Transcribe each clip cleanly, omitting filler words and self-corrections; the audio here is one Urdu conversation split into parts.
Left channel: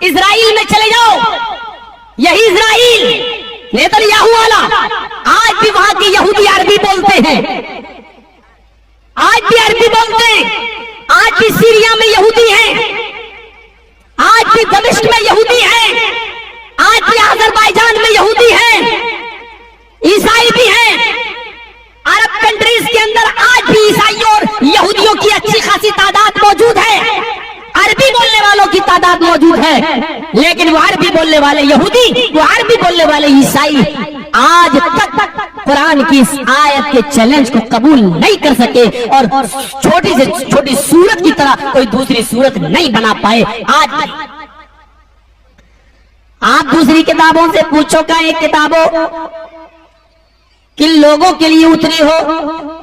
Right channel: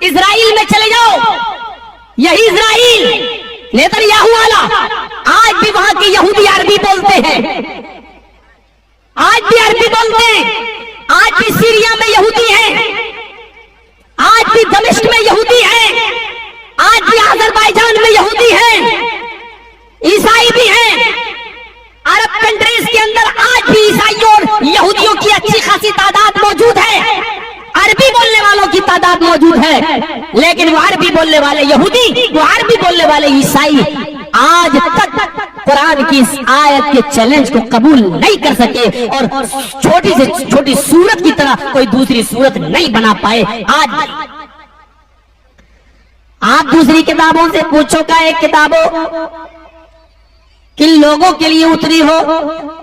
اسرائیل میں چلے جاؤ، یہی اسرائیل نیتنیاہو والا، آج بھی وہاں کے یہودی عربی بولتے ہیں، آج بھی عربی بولتے ہیں، آج بھی سیریا میں یہودی ہیں، آج بھی دمشق میں یہودی ہیں، آج بھی آذربائیجان میں یہودی ہیں، عیسائی بھی ہیں، عرب کنٹریز کے اندر آج بھی عیسائیوں اور یہودیوں کی اچھی خاصی تعداد موجود ہے، عربی بولنے والوں کی تعداد موجود ہے، لیکن وہ عربی بولنے والے یہودی، وہ عربی بولنے والے عیسائی آج تک قرآن کی اس آیت کے چیلنج کو قبول نہیں کر سکے اور چھوٹی سے چھوٹی سورت کی طرح کوئی دوسری سورت نہیں بنا پائے۔ آج آپ دوسری کتابوں سے پوچھو کہ ایک کتابوں کن لوگوں کے لیے اتری ہو،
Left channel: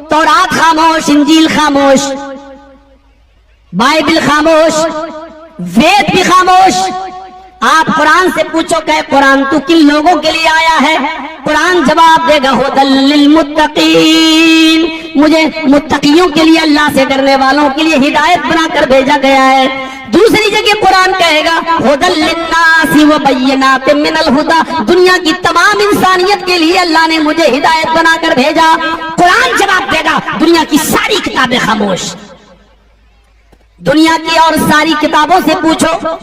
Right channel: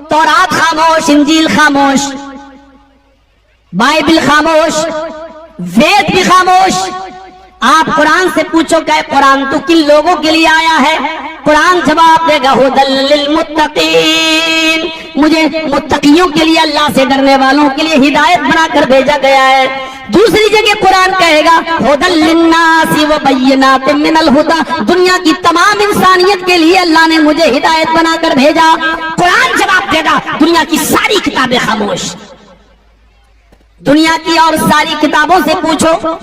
تورات خاموش، انجیل خاموش، بائبل خاموش، وید بھی خاموش۔ آپ قرآن سے پوچھو کہ قرآن تو کن لوگوں کے لیے آیا ہے، قرآن جواب دے گا ھدی للمتقین، مجھے متقیوں کے لیے، اللہ سے ڈرنے والوں کے لیے ہدایت بنا کر بھیجا گیا ہے۔ دوسری جگہ قرآن کہے گا ھدی للناس وبینات من الہدی، دنیا کی تمام انسانیت کے لیے اللہ نے مجھے ہدایت بنا کر بھیجا۔ قرآن جواب دے گا دنیا کی ساری کتابیں خاموش۔ دنیا کی اور ساری کتابوں سے پوچھو،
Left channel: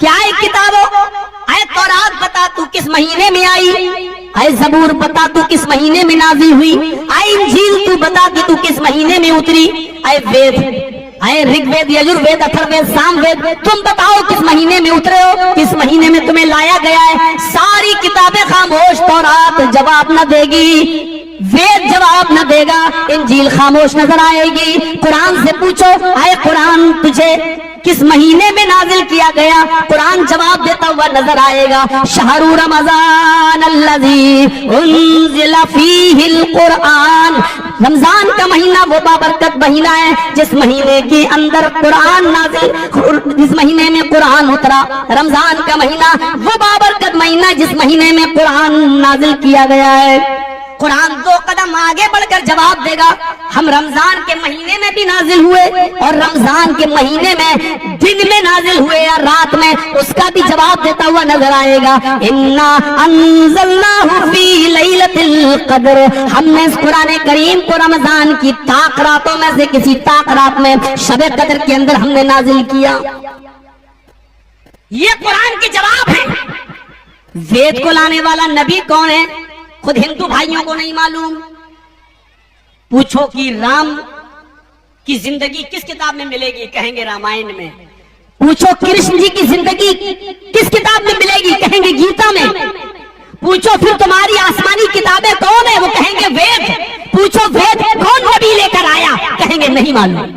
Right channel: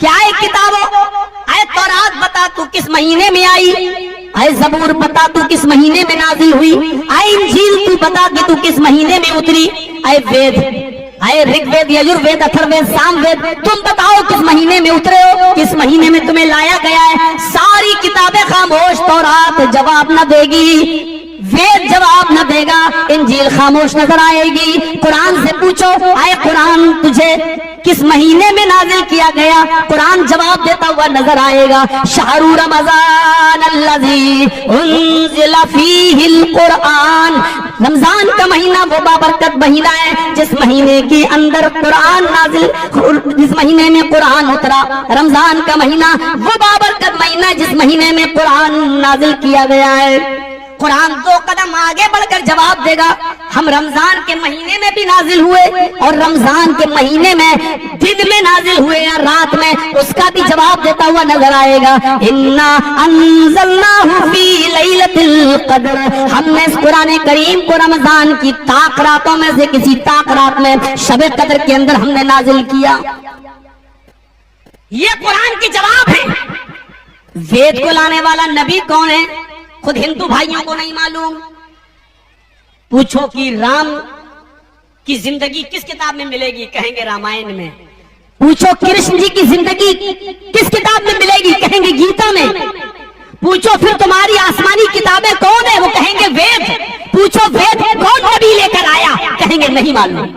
کیا ایک کتابوں، اے تورات بتا تو کس مہینے میں آئی، اے زبور بتا تو کس مہینے میں نازل ہوئی، اے انجیل تو بتا کہ تو کس مہینے میں اتری، اے وید، اے رگ وید، یجر وید، اتھر وید، سام وید، تم بتاؤ کس مہینے میں اترے ہو، کس مہینے میں تمہیں لایا گیا ہے۔ ساری کتابیں خاموش، تورات جواب نہ دے گی، وید جواب نہ دے گا، انجیل خاموش نظر آئے گی۔ قرآن سے پوچھو اے قرآن تجھے کس مہینے میں نازل کیا گیا، قرآن جواب دیتا ہوا نظر آئے گا، شہر رمضان الذی انزل فیہ القرآن، رمضان کا مہینہ وہ بابرکت مہینہ ہے جس مہینے کے اندر قرآن نازل، جس مہینے میں قرآن اترا۔ رمضان کا مہینہ وہ بابرکت مہینہ جس مہینے میں قرآن نازل کیا گیا ہے۔ قرآن دو قدم آگے بڑھ کر جواب دے گا، ہم رمضان کے مہینے میں بھی نازل ہوئے اور رمضان کے مہینے میں دن میں نازل ہوئے یا رات میں، اس کا بھی جواب دیتا ہوا نظر آئے گا۔ انا انزلناہ فی لیلۃ القدر، ہم نے اس قرآن کریم کو رمضان کی طاق راتوں میں سے کسی طاق رات میں شب قدر کے اندر ہم نے نازل کیا۔ یہ قرآن کے جواب ہے۔ وید کو لانے والا نبی کون ہے، خود ہندو بھائیوں کو نہیں معلوم۔ پوچھو کہ رام کی زندگی کس کتاب میں ملے گی، کہیں گے رامائن میں۔ پوچھو کرشن جی کی زندگی کس کتاب میں ملے گی، کہیں گے گیتا میں۔ پوچھو پھر تمہاری آسمانی کتابیں کون ہے، وہ کہیں گے وید۔ پوچھو وید کون نبی لے کر آیا، کہیں گے نہیں معلوم۔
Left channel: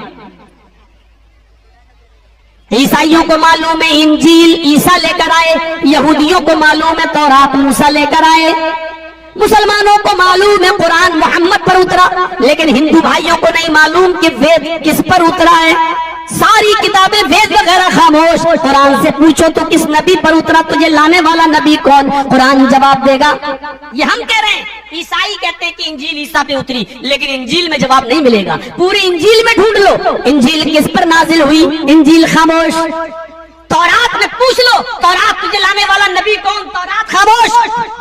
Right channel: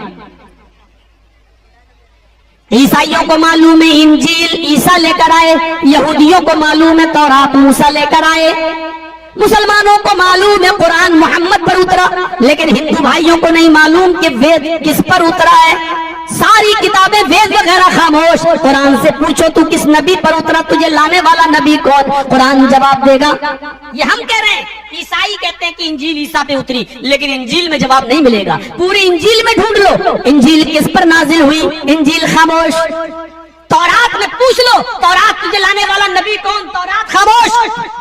عیسائیوں کو معلوم ہے انجیل عیسیٰ لے کر آئے، یہودیوں کو معلوم ہے تورات موسیٰ لے کر آئے، مسلمانوں کو معلوم ہے قرآن محمد پر اترا، لیکن ہندو بھائیوں کو نہیں معلوم کہ وید کس پر اترا ہے۔ ساری کتابیں وید وغیرہ خاموش۔ قرآن سے پوچھو تو کس نبی پر اترا، تجھے لانے والا نبی کون، قرآن جواب دے گا۔ یہ ہم کہہ رہے ہیں، عیسائی کہتے ہیں کہ انجیل عیسیٰ پہ اتری، لیکن انجیل میں جواب نہیں ملے گا۔ پوری انجیل میں ڈھونڈ لو، انجیل کس پر نازل ہوئی، انجیل خاموش۔ تورات میں پوچھ لو، تورات تجھے لانے والا نبی کون، تورات خاموش۔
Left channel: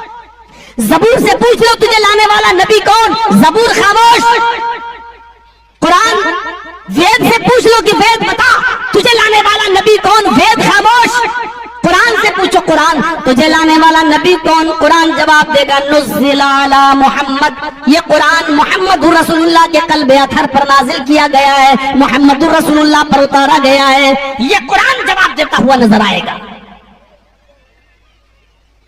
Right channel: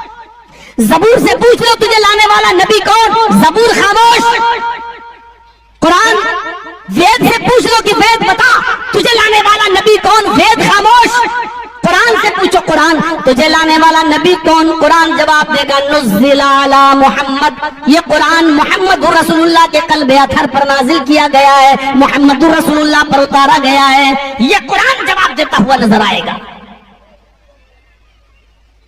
زبور سے پوچھ لو تجھے لانے والا نبی کون، زبور خاموش۔ قرآن وید سے پوچھ لو کہ وید بتا تجھے لانے والا نبی کون، وید خاموش۔ قرآن سے پوچھو قرآن تجھے لانے والا نبی کون، قرآن جواب دے گا نزل علی محمد، یہ قرآن محمد رسول اللہ کے قلب اطہر پر نازل کیا گیا ہے، محمد رسول اللہ پر اتارا گیا ہے۔ یہ قرآن جواب دیتا ہوا نظر آئے گا۔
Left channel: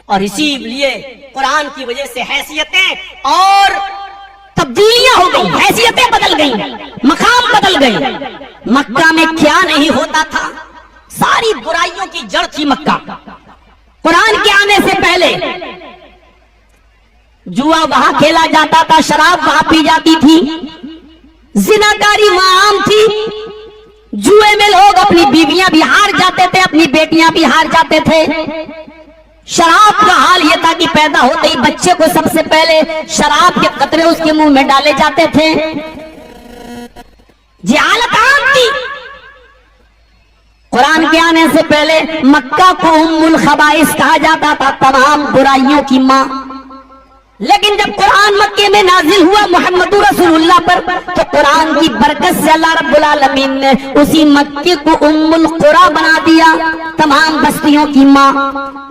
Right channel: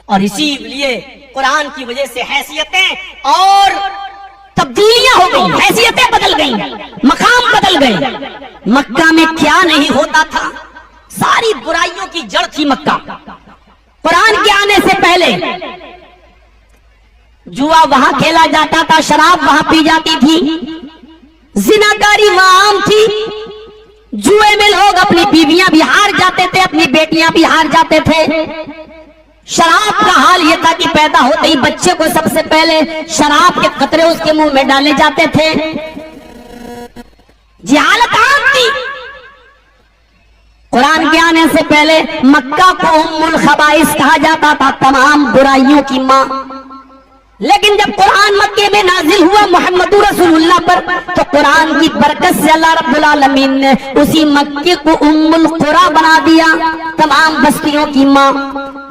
اور اسی لیے قرآن کی وجہ سے حیثیتیں اور تبدیلیاں ہو گئی، حیثیتیں بدل گئی، مقام بدل گئے۔ مکہ میں کیا نہیں ہوتا تھا، ساری برائیوں کی جڑ تھی مکہ۔ قرآن کے آنے سے پہلے جوا وہاں کھیلا جاتا تھا، شراب وہاں پی جاتی تھی، زناکاری وہاں عام تھی، جوئے میں لوگ اپنی بیویاں بھی ہار جاتے تھے، اپنی بیٹیاں بھی ہار جاتے تھے۔ شراب کا حال یہ تھا کہ پیدا ہوتے ہی بچے کو سب سے پہلے شراب کے قطرے اس کے منہ میں ڈالے جاتے تھے۔ جہالت عام تھی، قرآن کے آنے سے پہلے مکہ کو ام الخبائث کہا جاتا تھا، تمام برائیوں کی ماں. لیکن جب قرآن مکے میں نازل ہوا محمد رسول اللہ پر، تو قرآن کی برکت سے اللہ رب العالمین نے اسی مکے کو ام القرى بنا دیا، تمام بستیوں کی ماں.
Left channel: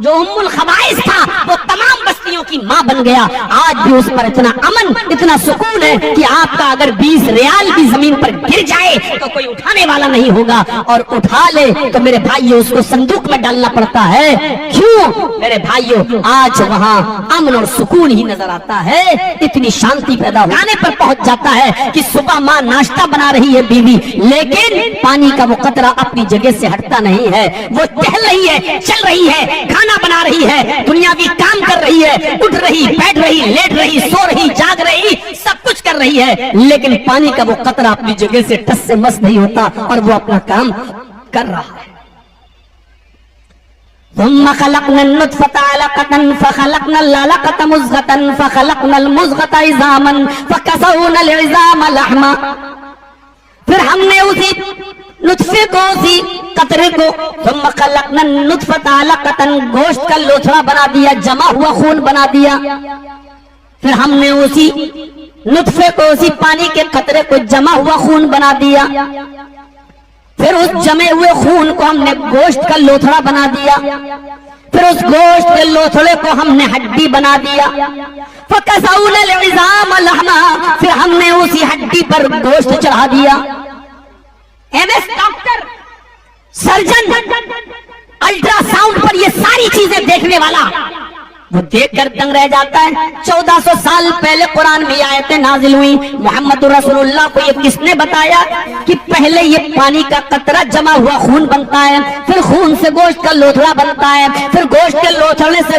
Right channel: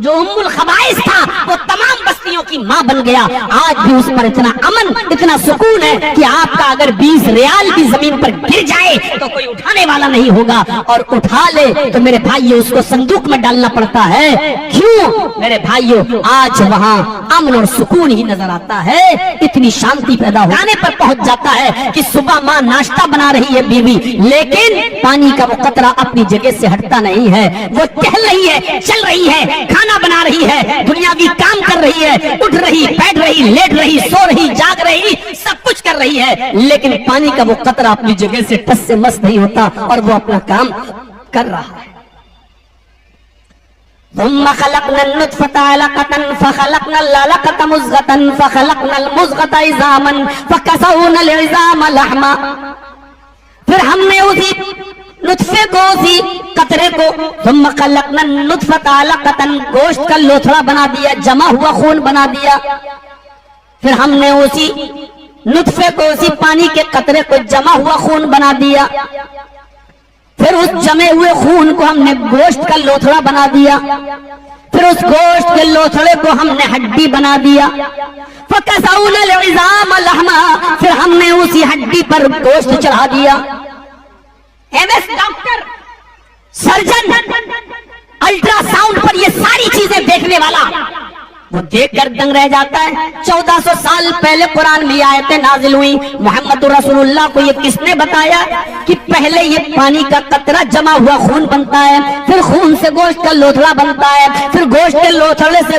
جو ام الخبائث تھا وہ تمام بستیوں کی ماں بن گیا. آج بھی اس پر اتنا امن، اتنا سکون ہے کہ آپ کا اگر 20 ریال بھی زمین پر گر جائے تو کوئی اٹھانے والا نہیں ہوگا، اور اٹھا لے تو میرے بھائیوں اس کو صندوق میں ڈالنا پڑتا ہے. کیوں میرے بھائیوں؟ آج وہاں امن اور سکون ہی نظر آتا ہے. اتنی شانتی پیدا ہونے پر پہنچ جاتا ہے کہ صبح ماں ناشتہ بنا رہی ہے بیوی، لیکن پانی کا وہ قطرہ اپنی جگہ سے ہٹتا نہیں ہے. وہ ٹہل رہی ہے، چل رہی ہے، کھانا بنا رہی ہے، دنیاوی کام کر رہی ہے، اٹھ رہی، بیٹھ رہی، لیٹ رہی، سو رہی، جاگ رہی، سب کچھ کر رہی ہے، لیکن پانی کا وہ قطرہ اپنی جگہ سے ٹس سے مس نہیں ہوتا اور وہ اپنا کام کر رہا ہے. ثم خلقنا النطفة علقة فخلقنا العلقة مضغة فخلقنا المضغة عظاما فكسونا العظام لحما. پھر ہم نے اسی نطفے کو، اسی قطرے کو، ثم خلقنا النطفة علقة گوشت کا لوتھڑا بنا دیا، جمع ہوا خون بنا دیا. پھر ہم نے اسی نطفے کو، اسی پانی کے قطرے کو جمع ہوا خون بنا دیا. پھر اس جمے ہوئے خون کو ہم نے گوشت کا لوتھڑا بنا دیا. پھر اس گوشت کے لوتھڑے کو ہم نے ہڈی بنا دیا. فَكَسَوْنَا الْعِظَامَ لَحْمًا، پھر ہم نے اسی ہڈی پر گوشت چڑھا دیا. M S doctor, surgeon, ultrasound پر یہ ساری چیزیں دیکھنے والا وہ دیکھ کر دنگ رہ جاتا ہے. 1400 سال پہلے قرآن میں آیتیں نازل ہوئی. محمد رسول اللہ کو یہ کس نے بتایا کہ پہلے یہ پانی کا قطرہ جمع ہوا خون بنتا ہے، پھر خون سے گوشت کا لوتھڑا بنتا ہے، پھر گوشت کے لوتھڑے سے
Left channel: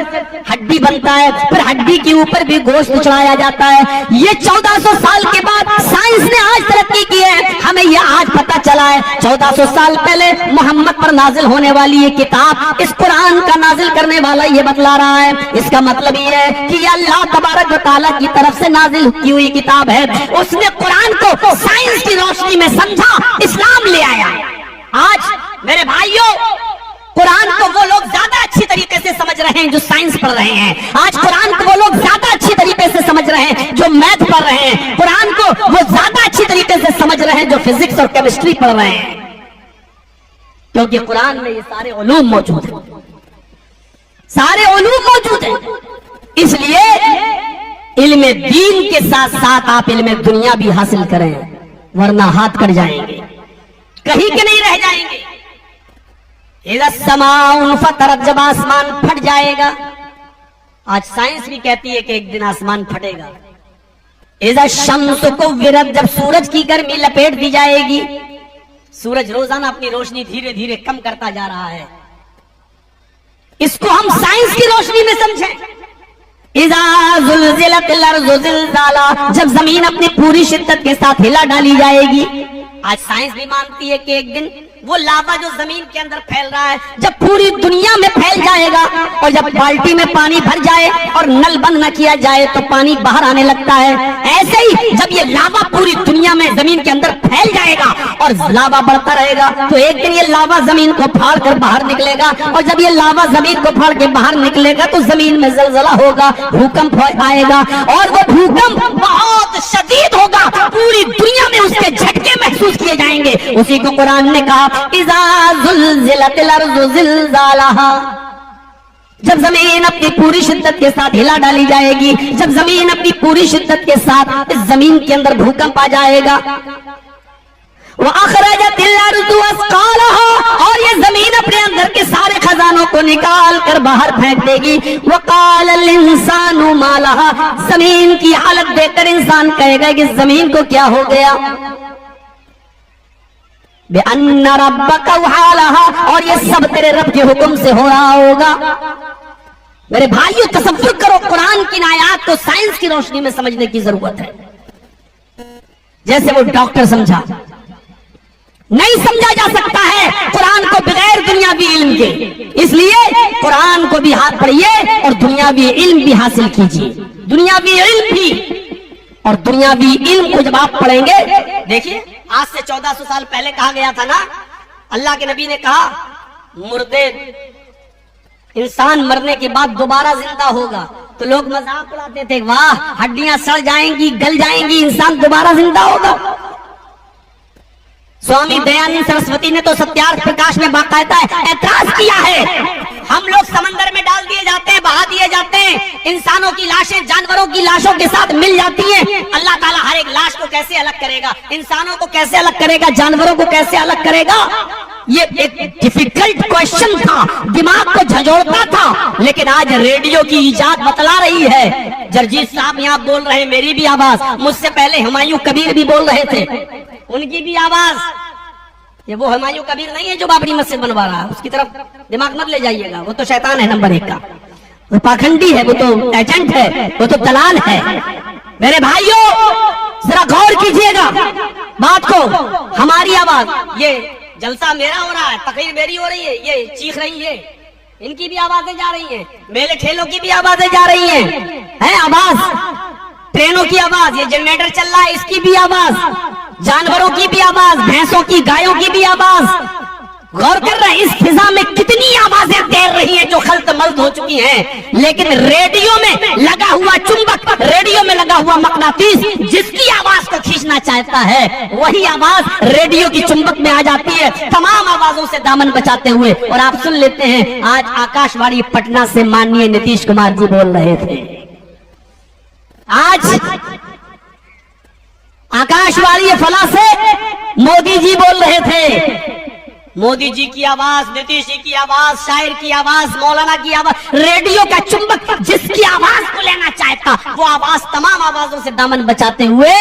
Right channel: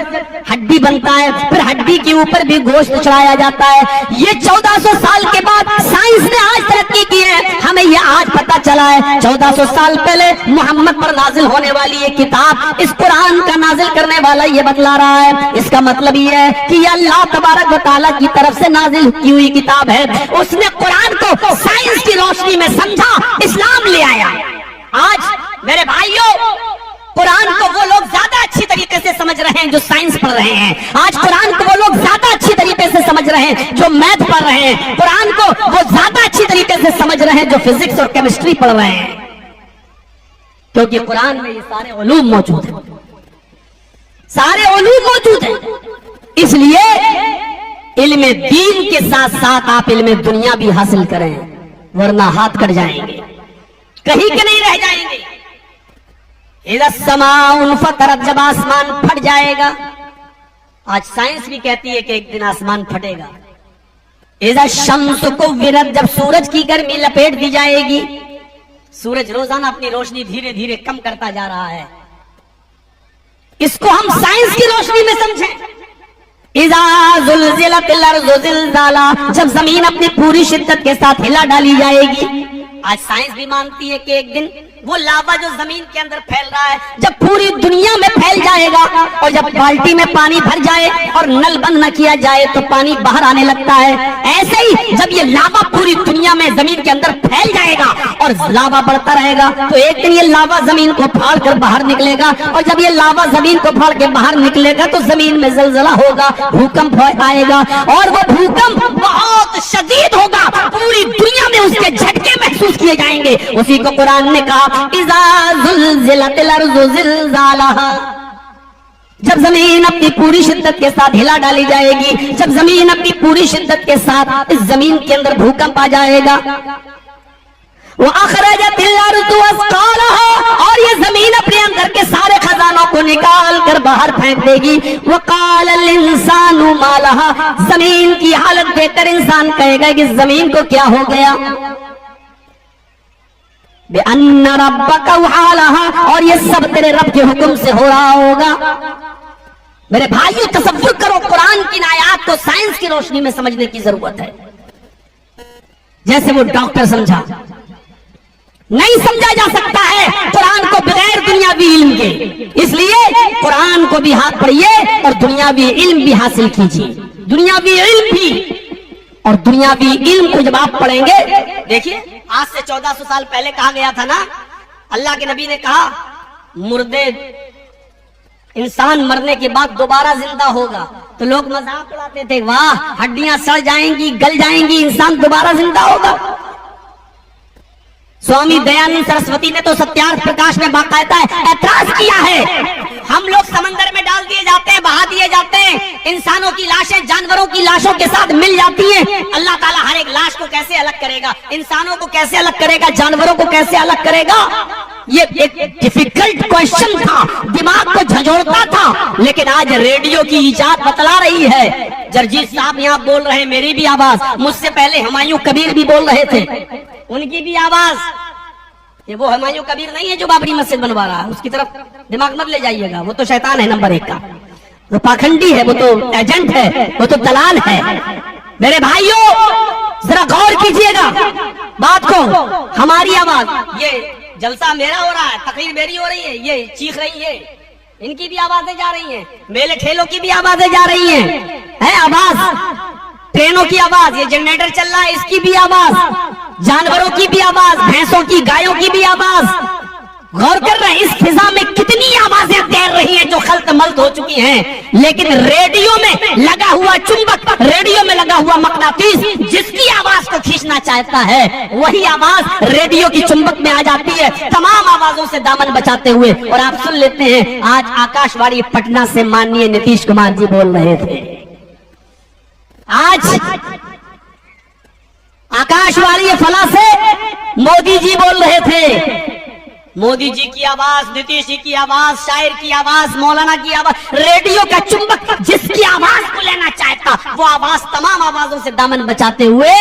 ہڈی بنتا ہے، پھر ہڈی کے اوپر بھی گوشت چڑھایا جاتا ہے. یہ 1400 سال کے بعد سائنس نے آج ترقی کی ہے، ہمیں یہ آج پتا چلا ہے. 1400 سال پہلے محمد پر نازل ہونے والی یہ کتاب، اس قرآن کا نازل کرنے والا یہ بتلا رہا ہے. اس کا مطلب یہ ہے کہ یہ اللہ تبارک و تعالیٰ کی طرف سے نازل کی ہوئی کتاب ہے. اس نے قرآن کو سائنس کی روشنی میں سمجھا، اسلام لے آیا. آج میرے بھائیوں، قرآن کو وہ لوگ زیادہ اچھی طریقے سے سمجھ رہے ہیں جو سائنس پڑھ رہے ہیں. آج قرآن کو وہ لوگ زیادہ اچھی طریقے سے سمجھ رہے ہیں جو میتھ پڑھ رہے ہیں. قرآن کو وہ زیادہ اچھی طریقے سے سمجھ رہے ہیں جو فزکس اور کیمسٹری پڑھ رہے ہیں، کیونکہ قرآن میں یہ سارے علوم موجود ہیں، سارے علوم موجود ہیں. اس لیے علم دین کے ساتھ ساتھ آپ علم دنیا بھی حاصل کریں، ورنہ ہاتھ کٹ جائیں گے، کہیں کے نہیں رہ جائیں گے. اذا السماء انفطرت، جب آسمان پھٹ جائے گا. آج سائنس بھی کہتی ہے کہ ایک دن آسمان پھٹے گا. اذا الشمس کورت، جب سورج کی گرمی لپیٹ دی جائے گی. سورج روزانہ اپنی روشنی دھیرے دھیرے کم کرتا جا رہا ہے، اس کو ہم سائنس کی روشنی میں سمجھیں. اذا زلزلت الارض زلزالها، جب زمین اپنی پوری شدت کے ساتھ ہلا ڈالی جائے گی. آج سائنس بھی مانتی ہے کہ ایک دن وہ لاوا جو زمین کے اندر پھیل رہا ہے جب پوری دنیا میں پھیل جائے گا، اور جب بالٹی میں پانی بھر جائے اور نل بند نہ کیا جائے تو پانی باہر آنے لگتا ہے، ایسے ہی جب یہ لاوا پوری دنیا میں زمین کے اندر پھیل جائے گا اور لاوا بڑھتا رہے گا تو ایک دن یہ لاوا زمین کو پھاڑ کر باہر نکلے گا. اور جب یہ لاوا زمین کو پھاڑ کے باہر نکلے گا تو زمین میں زلزلہ ہوگا، بھوکمپ آئے گا، اور وہ بھوکمپ بہت شدید ہوگا، پوری دنیا میں اس کے جھٹکے محسوس کیے جائیں گے. اسی کو قرآن نے کہا اذا زلزلت الارض زلزالها، جب زمین اپنی پوری شدت کے ساتھ ہلا ڈالی جائے گی، جب زمین اپنی پوری شدت کے ساتھ اس زمین کے اندر بھوکمپ آ جائے گا. وَأَخْرَجَتِ الْأَرْضُ أَثْقَالَهَا، اور یہ زمین اپنے اندر کے سارے خزانوں کو نکال کر باہر پھینک دے گی. وَقَالَ الْإِنسَانُ مَا لَهَا، زمین کی حالت دیکھ کر انسان کہے گا کہ زمین کو کیا ہو گیا. بِأَنَّ رَبَّكَ وَحَالَهَا، اور یہ سب تیرے رب کے حکم سے ہو رہا ہوگا. میرے بھائیو تصور کرو، قرآن کی آیات کو سائنس کی روشنی میں سمجھنے کی ضرورت ہے. جیسے وہ ڈاکٹر سمجھا، نہیں سمجھا جا سکتا ہے قرآن کو بغیر دنیاوی علم کے. اس لیے قرآن کو بھی ہاتھ پڑھیے اور دنیاوی علم بھی حاصل کیجیے. دنیاوی علم بھی، اور دنیاوی علم کو جب آپ پڑھیں گے، دیکھیے آج سے 1400 سال پہلے کہا گیا تھا نا اللہ کے نبی نے کہا مردے انسان مرنے کے بعد دوبارہ زندہ ہوگا، تو لوگ مذاق اڑاتے تھے، واہ ہڈیاں سڑ جائیں گی گل جائیں گی، انسان دوبارہ زندہ ہوگا۔ سوامی دیانند سرسوتی نے تو ستیارتھ پرکاش میں باقاعدہ اعتراض کیا ہے، ہم لوگ سمندر میں ڈال دیے جاتے ہیں، بہا دیے جاتے ہیں، انسانوں کی لاشیں جانوروں کی لاشوں کے ساتھ مل جاتی ہیں، اللہ تعالیٰ ہر ایک لاش کو کیسے الگ کرے گا، انسانوں کو کیسے الگ کرے گا، جانوروں کو کیسے الگ کرے گا؟ یہ ایک ڈیفیکلٹ کوشچن تھا، دماغ کو جھنجھوڑتا تھا، لیکن آج ریڈیو کی ایجاد بتلا رہی ہے۔ جرجیت صاحب یہاں بول رہے ہیں، میری بھی آواز، مجھ سے پہلے ہمایوں کبیر بھی بول رہے تھے، ان کی بھی آواز۔ یہ وہ ہمایوں کبیر نہیں ہے جو بابری مسجد بنوا رہا، اس کی طرف دماغ مت لے جائیے گا، وہ تو شیطان ہے نمبر 1 کا، وہ پاکھنڈی ہے، وہ تو ایجنٹ ہے، وہ تو دلال ہے۔ میرے بھائیوں ذرا غور کیجئے گا بات کو، ہماری آواز، یہ جلسہ میرا ہو رہا ہے، تقریر میری ہو رہی ہے، یہ چیخ رہی ہے، ان کی بھی آوازیں جا رہی ہیں، میلے ٹھیلوں کی بھی آوازیں جا رہی ہیں، آواز ٹرینوں کی آواز، یہ جنریٹر چل رہا ہے اس کی بھی آواز، جانوروں کی بھی آواز، بھینسوں کی گایوں کی بھی آواز۔ غور کر رہے ہیں اس فضا میں کتنی آوازیں تیر رہی ہیں جو خلط ملط ہو چکی ہیں، لیکن ریڈیو میں لگا ہوا چمبک، ریڈیو میں لگا ہوا مقناطیس جس کی آواز کو کھینچنا چاہتا ہے وہی آواز ریڈیو کی چمبک میں آ جاتی ہے، تمام آوازوں سے دامن بچاتے ہوئے۔ اور آپ سن لیتے ہیں، آج آکاش وانی پٹنہ سے ماننیے نتیش کمار جی بول رہے تھے، آج آکاش وانی فلاں سے مودی جی بول رہے تھے، مودی جی کی آواز، نتیش جی کی آواز، شاعر کی آواز، مولانا کی آواز، ریڈیو کا چمبک جس کی آواز کو لینا چاہتا وہ آواز تمام آوازوں سے دامن بچاتے ہوئے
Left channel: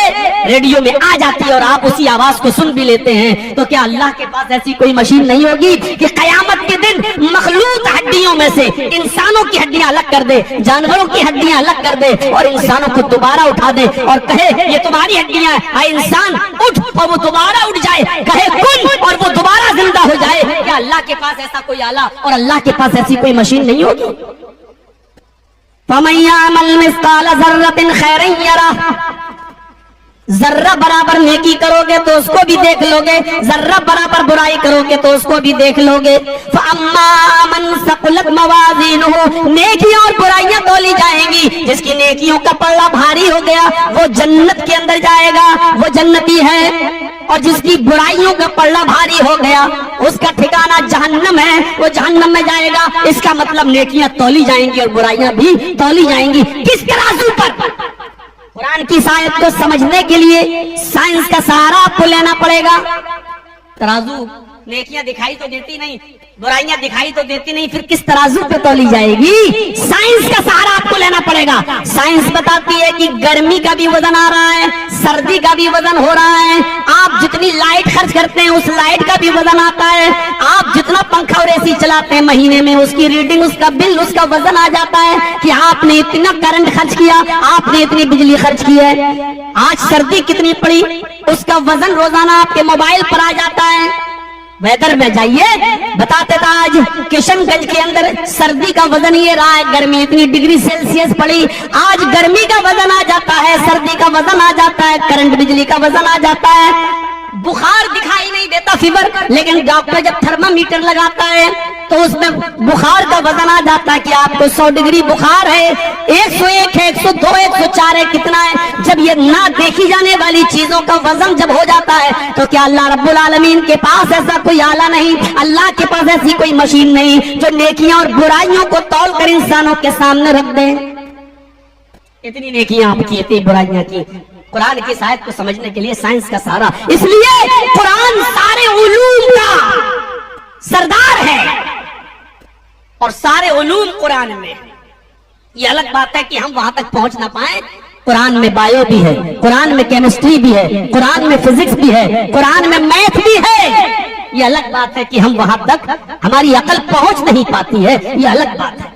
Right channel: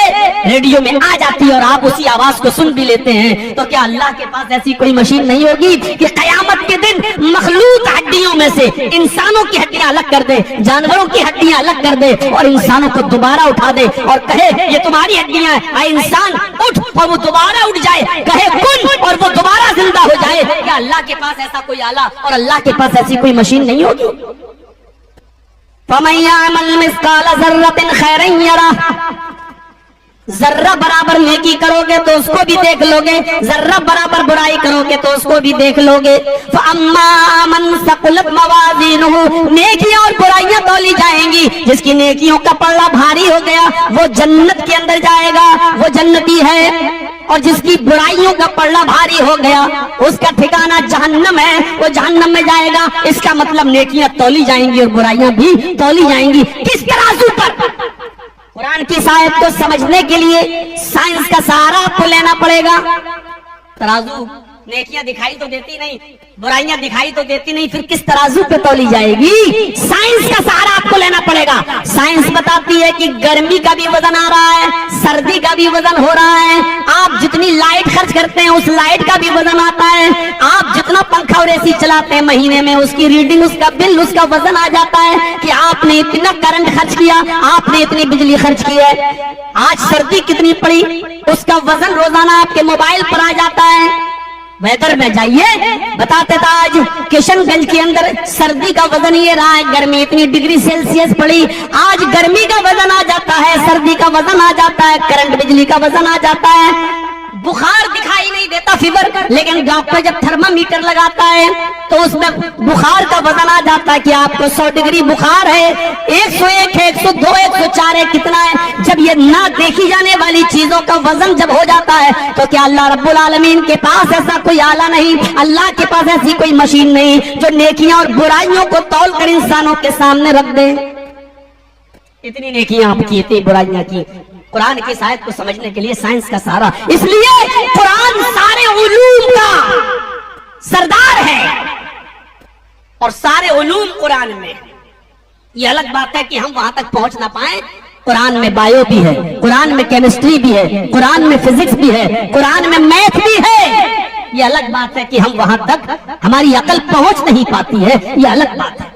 ریڈیو میں آ جاتی ہے اور آپ اسی آواز کو سن بھی لیتے ہیں۔ تو کیا اللہ کے پاس ایسی کوئی مشین نہیں ہوگی کہ قیامت کے دن مخلوق ہڈیوں میں سے انسانوں کی ہڈیاں الگ کر دے، جانوروں کی ہڈیاں الگ کر دے اور انسانوں کو دوبارہ اٹھا دے اور کہے یہ تمہاری ہڈیاں ہیں، اے انسان اٹھ، اور وہ دوبارہ اٹھ جائے، کہے کن اور وہ دوبارہ زندہ ہو جائے؟ کیا اللہ کے پاس ایسا کوئی آلہ اور اللہ کے پاس ایسی کوئی مشین نہیں ہوگی؟ فَمَن يَعْمَلْ مِثْقَالَ ذَرَّةٍ خَيْرًا يَرَهُ، ذرہ برابر نیکی کرو گے تو اس کو بھی دیکھ لو گے، ذرہ برابر برائی کرو گے تو اس کو بھی دیکھ لو گے۔ فَأَمَّا مَنْ ثَقُلَتْ مَوَازِينُهُ، نیکیاں اور برائیاں تولی جائیں گی، جس کی نیکیوں کا پلڑا بھاری ہو گیا وہ جنت کے اندر جائے گا، وہ جنتی ہے، اور جس کی برائیوں کا پلڑا بھاری ہو گیا اس کا ٹھکانہ جہنم ہے، وہ جہنم میں جائے گا۔ اس کا مطلب نیکیاں تولی جائیں گی اور برائیاں بھی تولی جائیں گی۔ کس ترازو پر؟ قرآن کی آیت کو سمجھنے کے لیے سائنس کا سہارا آپ کو لینا پڑے گا۔ ترازو نیکیاں دکھائی تو دیتی نہیں، برائیاں دکھائی تو دیتی نہیں، پھر کس ترازو پہ تولی جائے گی؟ سائنس کا سہارا آپ کو لینا پڑے گا۔ سائنس بتاتی ہے کہ گرمی کا بھی وزن آ رہا ہے، سردی کا بھی وزن ہو رہا ہے، آپ جتنی لائٹ خرچ کرتے ہیں اس لائٹ کا بھی وزن آتا ہے، آپ جتنا پنکھا اور اے سی چلاتے ہیں مہینے میں اس کی ریڈنگ، اس کا بل، اس کا وزن آ جاتا ہے کہ آپ نے اتنا کرنٹ خرچ کیا، آپ نے اتنی بجلی خرچ کی ہے۔ آج سردی کتنی پڑی اس کا وزن روزانہ آپ کے موبائل پر آ جاتا ہے۔ ویدر پہ جائیے، بتاتے تھا آج کشن گنج کے اندر سردی کا وزن یہ رہا ہے، گرمی اتنی ڈگری سیلسیس پڑی، آج گرمی کا وزن آ جاتا ہے، سردی کا وزن آ جاتا ہے، کرنٹ بجلی کا وزن آ جاتا ہے۔ بخار دکھائی نہیں دیتا فیور، لیکن ڈاکٹر جب تھرما میٹر لگاتا ہے تو اس میں بخار کا وزن آ جاتا ہے کہ آپ کو 100 ڈگری بخار ہے، 101 ہے، 102 ہے، 104 ہے، کتنا ہے۔ جب یہ نہ دیکھی جانے والی چیزوں کا وزن جب ہو جاتا ہے تو کیا اللہ رب العالمین کے پاس ایسا کوئی آلہ نہیں، اللہ کے پاس ایسی کوئی مشین نہیں جو نیکیاں اور برائیوں کو تول کر انسانوں کے سامنے رکھ دے؟ اتنی نیکیاں آپ کی، اتنی برائیاں کی۔ قرآن کی آیت کو سمجھنے کے لیے سائنس کا سہارا، اس لیے قرآن سارے علوم کا سردار ہے اور سارے علوم قرآن میں۔ یہ الگ بات ہے کہ ہم وہاں تک پہنچ نہ پائیں، قرآن میں بایو بھی ہے، قرآن میں کیمسٹری بھی ہے، قرآن میں فزکس بھی ہے، قرآن میں میتھ بھی ہے۔ یہ الگ بات ہے کہ ہم وہاں تک ہماری عقل پہنچ نہیں پاتی ہے، یہ الگ بات ہے۔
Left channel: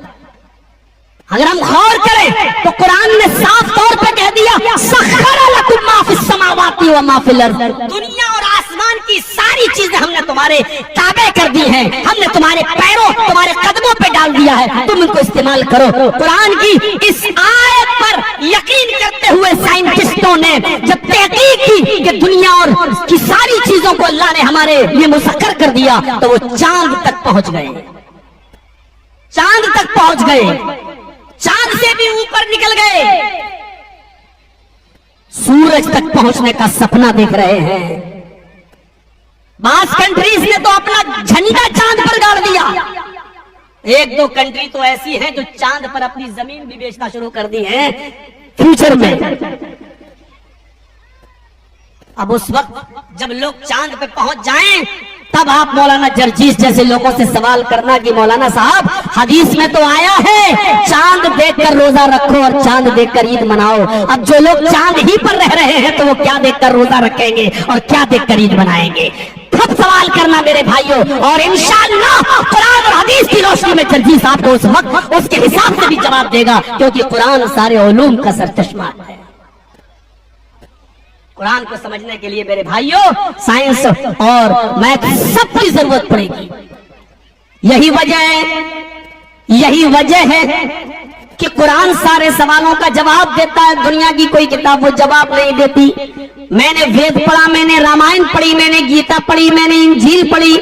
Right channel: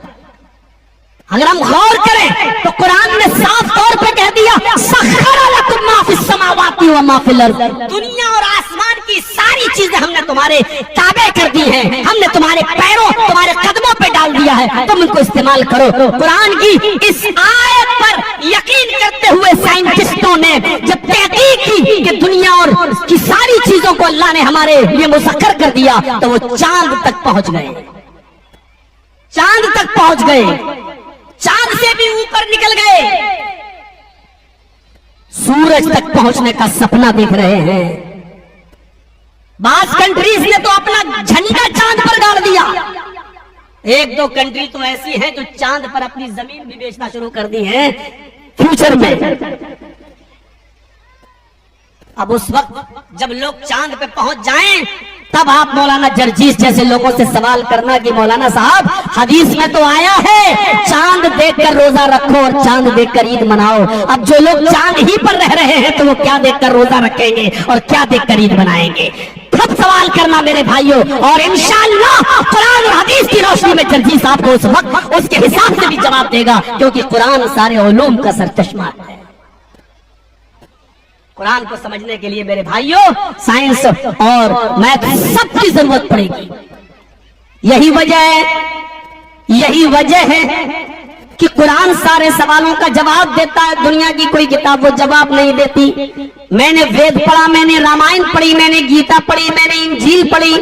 اگر ہم غور کریں تو قرآن نے صاف طور پہ کہہ دیا سخر لکم ما فی السماوات و ما فی الارض، دنیا اور آسمان کی ساری چیزیں ہم نے تمہارے تابع کر دی ہیں، ہم نے تمہارے پیروں، تمہارے قدموں پہ ڈال دیا ہے، تم ان کو استعمال کرو۔ قرآن کی اس آیت پر یقین کرتے ہوئے سائنٹسٹوں نے جب تحقیق کی کہ دنیا اور کی ساری چیزوں کو اللہ نے ہمارے لیے مسخر کر دیا تو وہ چاند تک پہنچ گئے، چاند تک پہنچ گئے، چاند سے بھی اوپر نکل گئے، سورج تک پہنچنے کا سپنا دیکھ رہے ہیں۔ بعض کنٹریز نے تو اپنا جھنڈا چاند پر گاڑ دیا، ایک دو کنٹری تو ایسی ہیں جو چاند پر اپنی زمین بھی بیچنا شروع کر دی ہے فیوچر میں۔ اب اس وقت جب لوگ چاند پہ پہنچ جائیں تب آپ مولانا جرجیس جیسے لوگوں سے سوال کرنا کہ مولانا صاحب حدیث میں تو آیا ہے چاند دیکھ کر روزہ رکھو اور چاند دیکھ کر عید مناؤ۔ اب جو لوگ چاند ہی پر رہ رہے ہیں تو وہ کیا دیکھ کر روزہ رکھیں گے اور کیا دیکھ کر عید منائیں گے؟ خود سوال کرنا میرے بھائیوں، اور انشاءاللہ قرآن اور حدیث کی روشنی میں جرجیس آپ کو اس وقت اس کے حساب سے بھی جواب دے گا، کیونکہ قرآن سارے علوم کا سرچشمہ ہے۔ قرآن کو سمجھنے کے لیے میرے بھائیوں سائنس اور میتھ سب کی ضرورت پڑے گی۔ یہی وجہ ہے کہ قرآن سارے سوالوں کا جواب دیتا ہے، دنیا کی کوئی کتاب وہ جواب نہیں دیتی۔ میں نے وید پڑھا، میں نے رامائن پڑھی، میں نے گیتا پڑھی، میں نے انجیل پڑھی،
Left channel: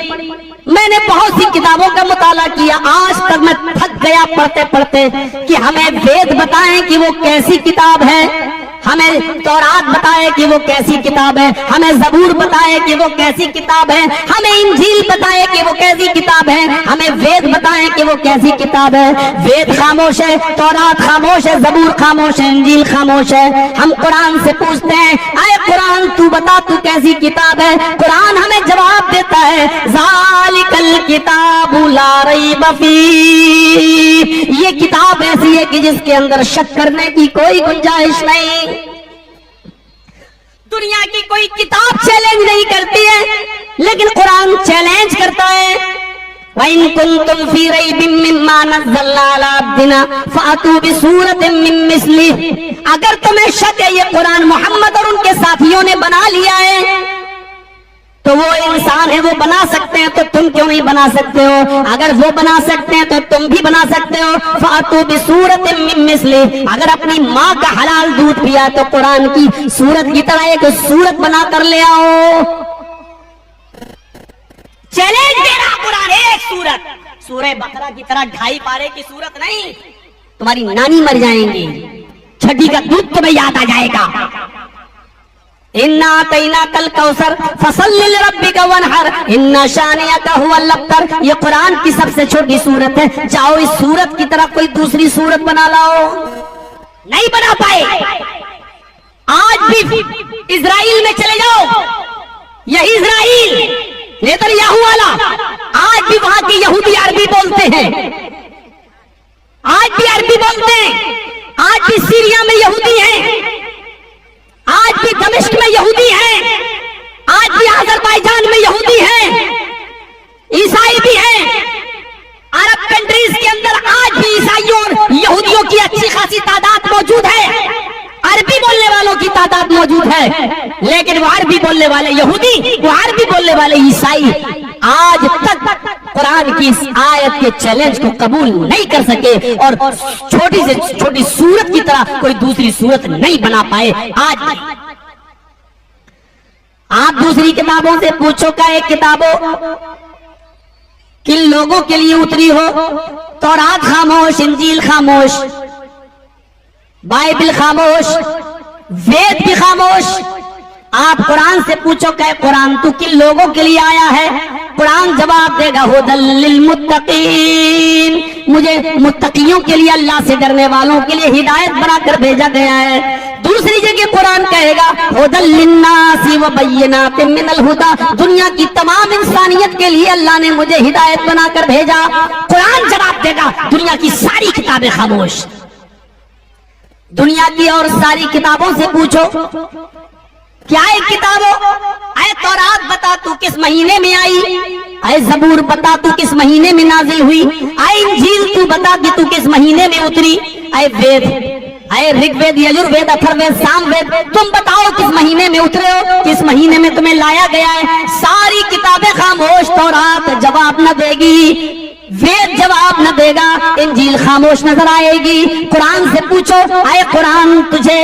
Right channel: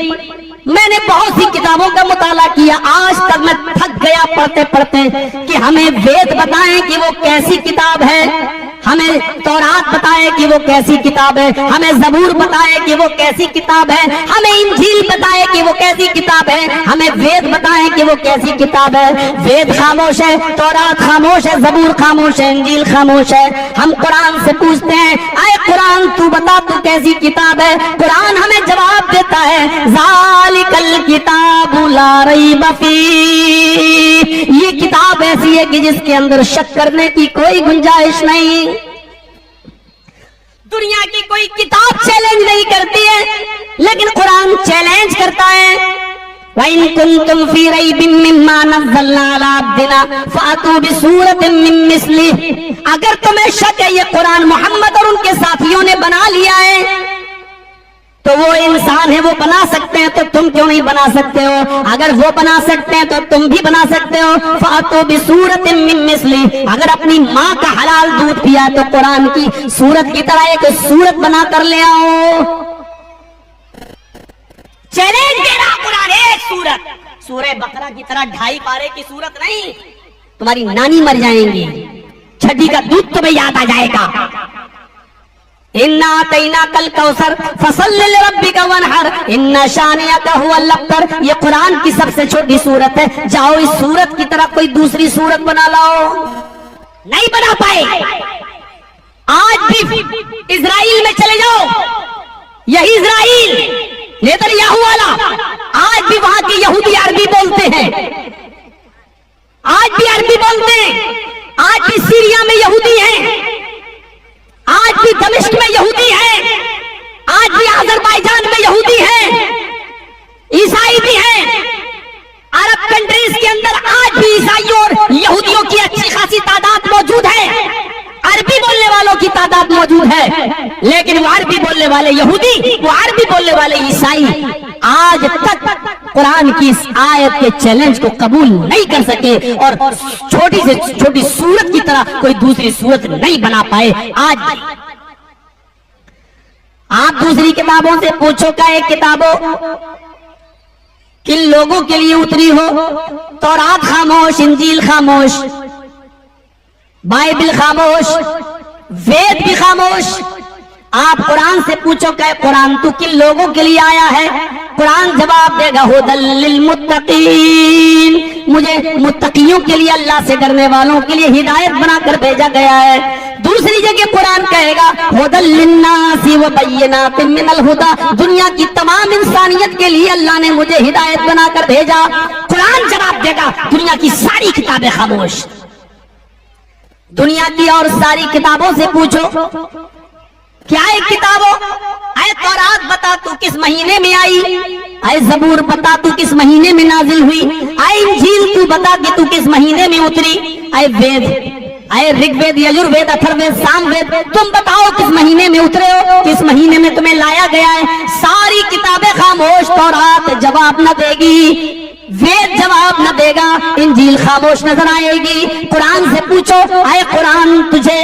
میں نے بہت سی کتابوں کا مطالعہ کیا، آج تک میں تھک گیا پڑھتے پڑھتے کہ ہمیں وید بتائیں کہ وہ کیسی کتاب ہے، ہمیں تورات بتائے کہ وہ کیسی کتاب ہے، ہمیں زبور بتائے کہ وہ کیسی کتاب ہے، ہمیں انجیل بتائے کہ وہ کیسی کتاب ہے، ہمیں وید بتائے کہ وہ کیسی کتاب ہے۔ وید خاموش ہے، تورات خاموش ہے، زبور خاموش ہے، انجیل خاموش ہے۔ ہم قرآن سے پوچھتے ہیں اے قرآن تو بتا تو کیسی کتاب ہے؟ قرآن ہمیں جواب دیتا ہے ذالک الکتاب لا ریب فیہ، یہ کتاب ایسی ہے کہ جس کے اندر شک کرنے کی کوئی گنجائش نہیں۔ دنیا کی کوئی کتاب چیلنج نہیں کرتی ہے لیکن قرآن چیلنج کرتا ہے وَإِن كُنتُمْ فِي رَيْبٍ مِّمَّا نَزَّلْنَا عَلَىٰ عَبْدِنَا فَأْتُوا بِسُورَةٍ مِّن مِّثْلِهِ، اگر تمہیں شک ہے یہ قرآن محمد اور ان کے ساتھیوں نے بنا لیا ہے تو وہ انسان ہے، وہ بنا سکتے ہیں تو تم کیوں نہیں بنا سکتے ہو؟ اگر وہ بنا سکتے ہیں تو تم بھی بنا سکتے ہو۔ فَأْتُوا بِسُورَةٍ مِّن مِّثْلِهِ، اگر اپنی ماں کا حلال دودھ پیا تو قرآن کی سورت کی طرح ایک سورت بنا کر لے آؤ۔ چیلنج دے رہا قرآن، ایک سورت، سورہ بقرہ کی طرح 2.5 پارے کی سورت نہیں، تمہاری نانی مر جائیں گی، چھٹی کا دودھ تمہیں یاد آ جائے گا۔ اِنَّا أَعْطَيْنَاكَ الْكَوْثَرَ فَصَلِّ لِرَبِّكَ وَانْحَرْ إِنَّ شَانِئَكَ هُوَ الْأَبْتَرُ، یہ قرآن کی سب سے چھوٹی سورت ہے، جاؤ اس سورت کی طرح کوئی دوسری سورت بنا لاؤ، نہیں بنا پائے۔ آج بھی اسرائیل میں چلے جاؤ، یہی اسرائیل نیتنیاہو والا، آج بھی وہاں کے یہودی عربی بولتے ہیں، آج بھی عربی بولتے ہیں، آج بھی سیریا میں یہودی ہیں، آج بھی دمشق میں یہودی ہیں، آج بھی آذربائیجان میں یہودی ہیں، عیسائی بھی ہیں، عرب کنٹریز کے اندر آج بھی عیسائیوں اور یہودیوں کی اچھی خاصی تعداد موجود ہے، عربی بولنے والوں کی تعداد موجود ہے، لیکن وہ عربی بولنے والے یہودی، وہ عربی بولنے والے عیسائی آج تک قرآن کی اس آیت کے چیلنج کو قبول نہیں کر سکے اور چھوٹی سے چھوٹی سورت کی طرح کوئی دوسری سورت نہیں بنا پائے۔ آج آپ دوسری کتابوں سے پوچھو کہ ایک کتابوں کن لوگوں کے لیے اتری ہو؟ تورات خاموش، انجیل خاموش، بائبل خاموش، وید بھی خاموش۔ آپ قرآن سے پوچھو کہ قرآن تو کن لوگوں کے لیے آیا ہے؟ قرآن جواب دے گا ہدی للمتقین، مجھے متقیوں کے لیے، اللہ سے ڈرنے والوں کے لیے ہدایت بنا کر بھیجا گیا ہے۔ دوسری جگہ قرآن کہے گا ہدی للناس وبینات من الہدی، دنیا کی تمام انسانیت کے لیے اللہ نے مجھے ہدایت بنا کر بھیجا۔ قرآن جواب دے گا دنیا کی ساری کتابیں خاموش۔ دنیا کی اور ساری کتابوں سے پوچھو کیا ایک کتابوں، اے تورات بتا تو کس مہینے میں آئی، اے زبور بتا تو کس مہینے میں نازل ہوئی، اے انجیل تو بتا کہ تو کس مہینے میں اتری، اے وید، اے رگ وید، یجر وید، اتھر وید، سام وید، تم بتاؤ کس مہینے میں اترے ہو، کس مہینے میں تمہیں لایا گیا ہے۔ ساری کتابیں خاموش، تورات جواب نہ دے گی، وید جواب نہ دے گا، انجیل خاموش نظر آئے گی۔ قرآن سے پوچھو اے قرآن تجھے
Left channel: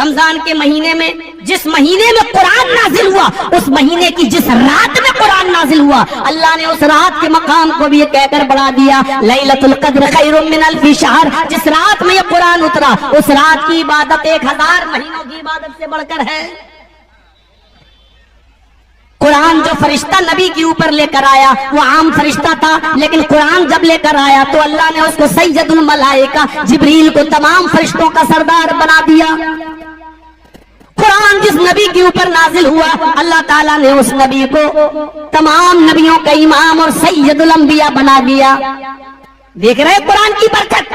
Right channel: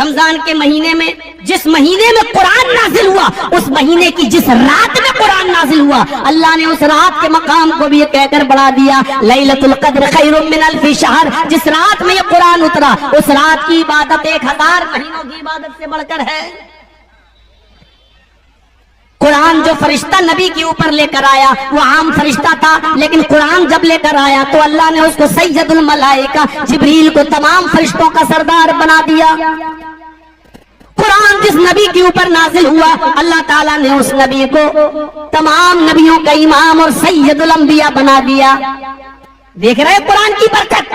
رمضان کے مہینے میں جس مہینے میں قرآن نازل ہوا، اس مہینے کی جس رات میں قرآن نازل ہوا، اللہ نے اس رات کے مقام کو بھی یہ کہہ کر بڑھا دیا، لیلۃ القدر خیر من الف شہر۔ جس رات میں یہ قرآن اترا، اس رات کی عبادت 1000 مہینوں کی عبادت سے بڑھ کر ہے۔ قرآن جو فرشتہ نبی کے اوپر لے کر آیا وہ عام فرشتہ تھا، لیکن قرآن جب لے کر آیا تو اللہ نے اس کو سید الملائکہ جبریل کو تمام فرشتوں کا سردار بنا دیا۔ قرآن جس نبی کے اوپر نازل ہوا، اللہ تعالیٰ نے اس نبی کو تمام نبیوں کا امام اور سید الانبیاء بنا دیا۔ دیکھ رہے ہیں قرآن کی برکت،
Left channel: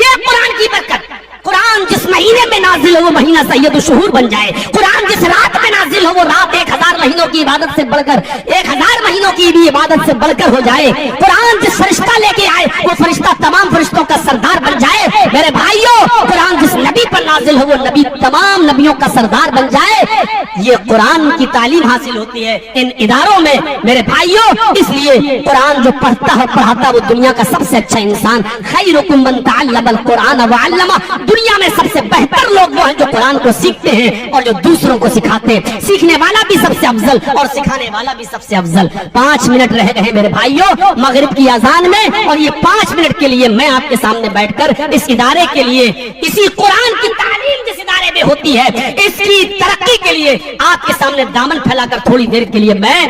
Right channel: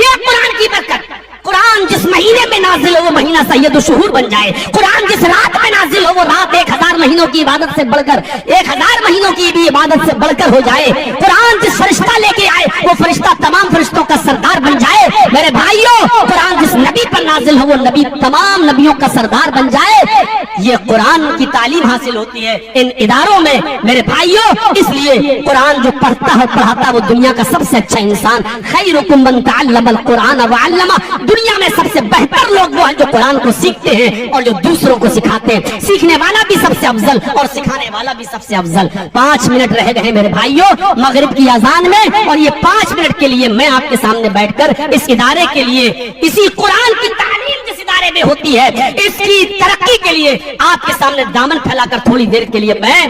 یہ قرآن کی برکت۔ قرآن جس مہینے میں نازل ہو وہ مہینہ سید الشہور بن جائے، قرآن جس رات میں نازل ہو وہ رات 1000 مہینوں کی عبادت سے بڑھ کر 1000 مہینوں کی بھی عبادت سے بڑھ کر ہو جائے، قرآن جس فرشتہ لے کے آئے وہ فرشتہ تمام فرشتوں کا سردار بن جائے۔ میرے بھائیوں، قرآن جس نبی پر نازل ہو وہ نبی تمام نبیوں کا سردار بن جائے، یہ قرآن کی تعلیم حاصل ہوتی ہے ان اداروں میں۔ میرے بھائیوں، اس لیے قرآن جو پڑھتا ہے پڑھاتا وہ دنیا کا سب سے اچھا انسان۔ خیرکم من تعلم القرآن وعلمہ، دنیا میں سب سے بہتر لوگ وہ ہیں جو قرآن کو سیکھتے ہیں اور جو دوسروں کو سکھاتے ہیں۔ سیکھنے والا بھی سب سے افضل اور سکھانے والا بھی سب سے افضل۔ 5 منٹ رہ گئے میرے بھائیوں مغرب کی اذان میں، اور یہ 5 منٹ کے لیے میں آپ کے سامنے بیٹھ کر اس ادارے کے لیے، اسی قرآن کی تعلیم جس ادارے میں ہوتی ہے، اس کی ترقی کے لیے آپ کے سامنے دامن پھیلا کر تھوڑی دیر کے لیے میں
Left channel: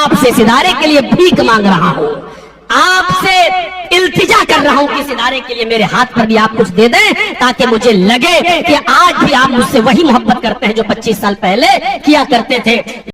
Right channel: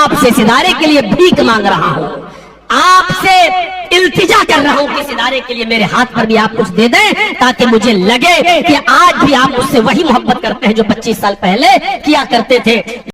آپ سے اس ادارے کے لیے بھیک مانگ رہا ہوں، آپ سے التجا کر رہا ہوں کہ اس ادارے کے لیے میرے ہاتھ پر بھی آپ کچھ دے دیں، تاکہ مجھے لگے کہ آج بھی آپ مجھ سے وہی محبت کرتے ہیں جو 25 سال پہلے کیا کرتے تھے۔